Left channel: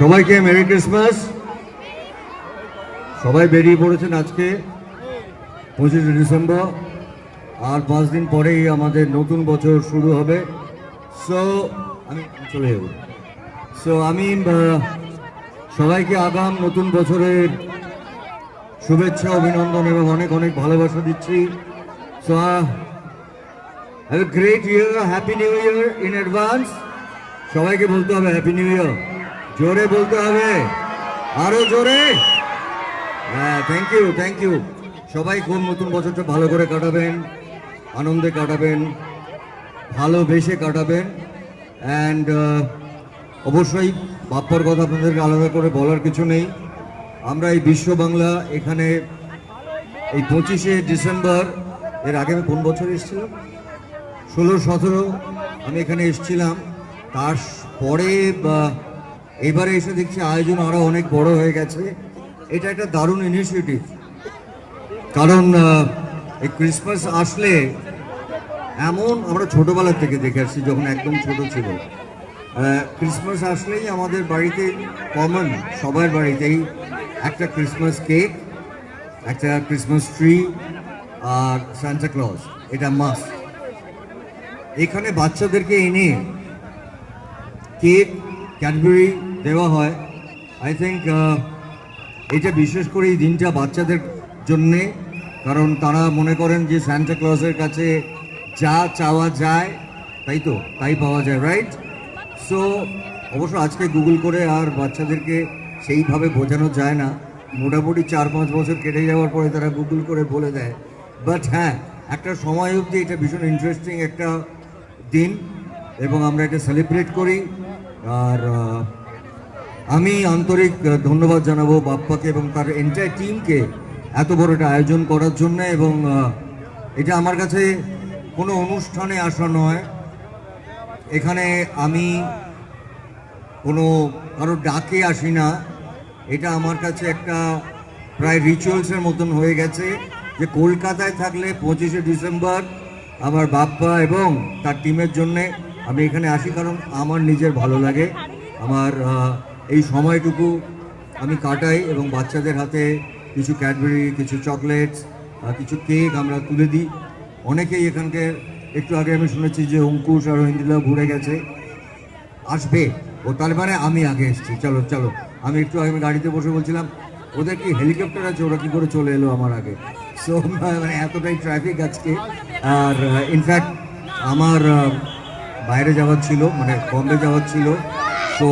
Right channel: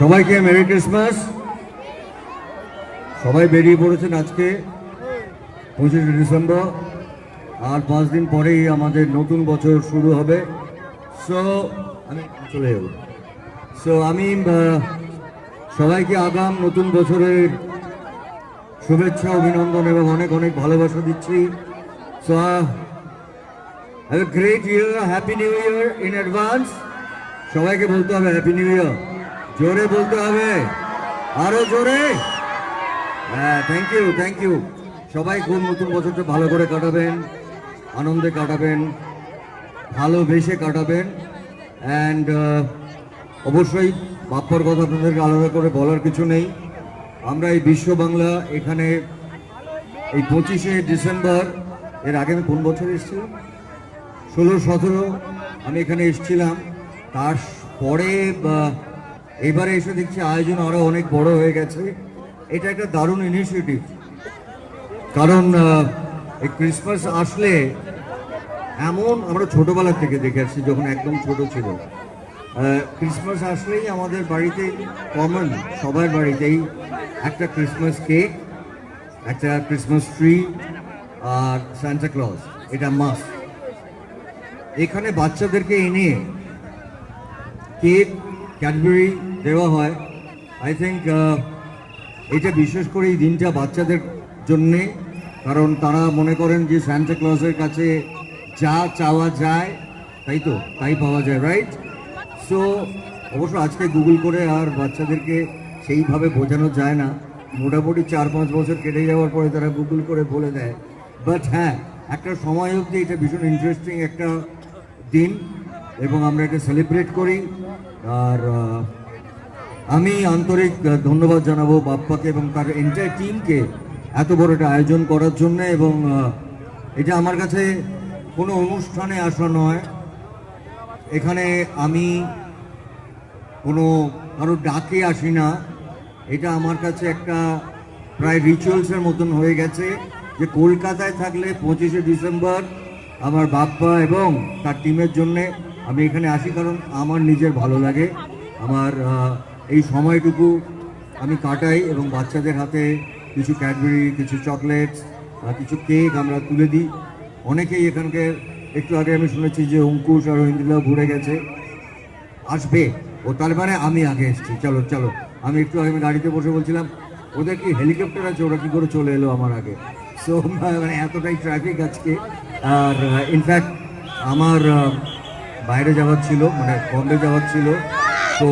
সবাইকে merry Christmas. সবাই বেরিয়ে পড়েছেন আজকে 25শে ডিসেম্বর, আর 5 দিন পরেই আমাদের নতুন বছর শুরু হবে। সো আমি চলে যাব। আমি সবাইকে আগাম নতুন বছরের শুভেচ্ছা, অভিনন্দন এবং অনেক অনেক ভালোবাসা দিচ্ছি। So have a great year, happy new year in advance. সবাইকে বলতে হবে হ্যাপি নিউ ইয়ার, জোরে বলতে হবে, আরো জোরে। হ্যাঁ, থ্যাংক ইউ, থ্যাংক ইউ। সবাই খুব নতুন বছরটা ভালো করে কাটাবেন, আনন্দে কাটাবেন, ভালোবেসে কাটাবেন। অ্যান্ড অবশ্যই বাপ্পার কথা আপনাদেরকে আলাদা করে বলার কিছু নেই। আমরা এই বিশ্ব বাংলা এখানে এই 25শে ডিসেম্বর, এর আগে আমি কোন বছর এসেছিলাম, 16-17 আমি এখানে এসেছিলাম। তারপরে এবারে এসে দেখছি আয়োজন আরো অনেক বড় হয়ে গেছে। এটা একটা দারুণ ইনিশিয়েটিভ, কারণ এই ক্রিসমাস আসলে এমন আমরা ছোটবেলা থেকে দেখে আসছি, যখন একদম ছোট ছিল, ক্রিসমাস আসলেই আমাদের বাড়িতে কমন, সবার বাড়িতেই একটা ক্রিসমাস কেক, একটা ক্রিসমাস ট্রি আর সান্টা ক্লজ, এটা মাস্ট। এখানে বাচ্চাদেরকে এনে কেক, ক্যাডবেরি দেওয়া হয়। আই থিঙ্ক এটা বিশেষ করে এই দিনটা বাচ্চাদের জন্যে, কারণ তারা মনে করেন যে সান্টা ক্লজের কাছে যা চাওয়া যায় তাই তো তাই পাওয়া যায়, রাইট? সো অবশ্য আজকে গুগল করে আর বাচ্চাদেরকে সেইভাবে বোঝানো যায় না, মোটামুটি 4-5 বছর কেটে যাওয়ার পরে তারা গুগল করে বলে দেয়। বাট হ্যাঁ, একটা সময় অবধি এটা ভীষণ ইন্টারেস্টিং একটা দিন এবং আমরা এটা সেলিব্রেট করি। আর আমি আন্তরিক ধন্যবাদ জানাবো বাপ্পাকে এবং তার এন্টায়ার টিমকে এত বড় একটা আয়োজন করার জন্য। এবং এটা আমার কাছে কোনো অনুষ্ঠানে আসা নয়, এখানে আমি কোনো কারো ডাকে আসি না। এটা আমার কাছে একটা প্রায় রিচুয়ালসের মতন হয়ে গেছে যে কলকাতায় থাকলে 25শে ডিসেম্বর আমার বাপ্পা এবং তার টিমের জন্যে আমি এখানে আসি, কারণ আমার নিজের ভালো লাগে। আমার এই সময়টুকু আমি কাটাই এবং বাচ্চাদের হাতে কিছু ক্যাডবেরি, কিছু চকলেটস, কিছু কেক আমরা তুলে দিই। অনেকেই এখানকার, একটু আগে আমি শুনেছি যে অঙ্কুশ আর হিন্দিলাও ঘুরে গেছে, আসবে ও, তার মানে আমি আগে এসেছি। চলো চলো, আমি একটু আগে গাড়িতে বসে বলছিলাম ওদের কি হেলিকপ্টার আছে, ওরা কি করে চলে এলো আমার আগে। সো মানে এতটাই ট্রাফিক আজকে। আর ইনফ্যাক্ট আমার বাইরে যাওয়ার ছিল, মানে বম্বে যাওয়ার ছিল। তো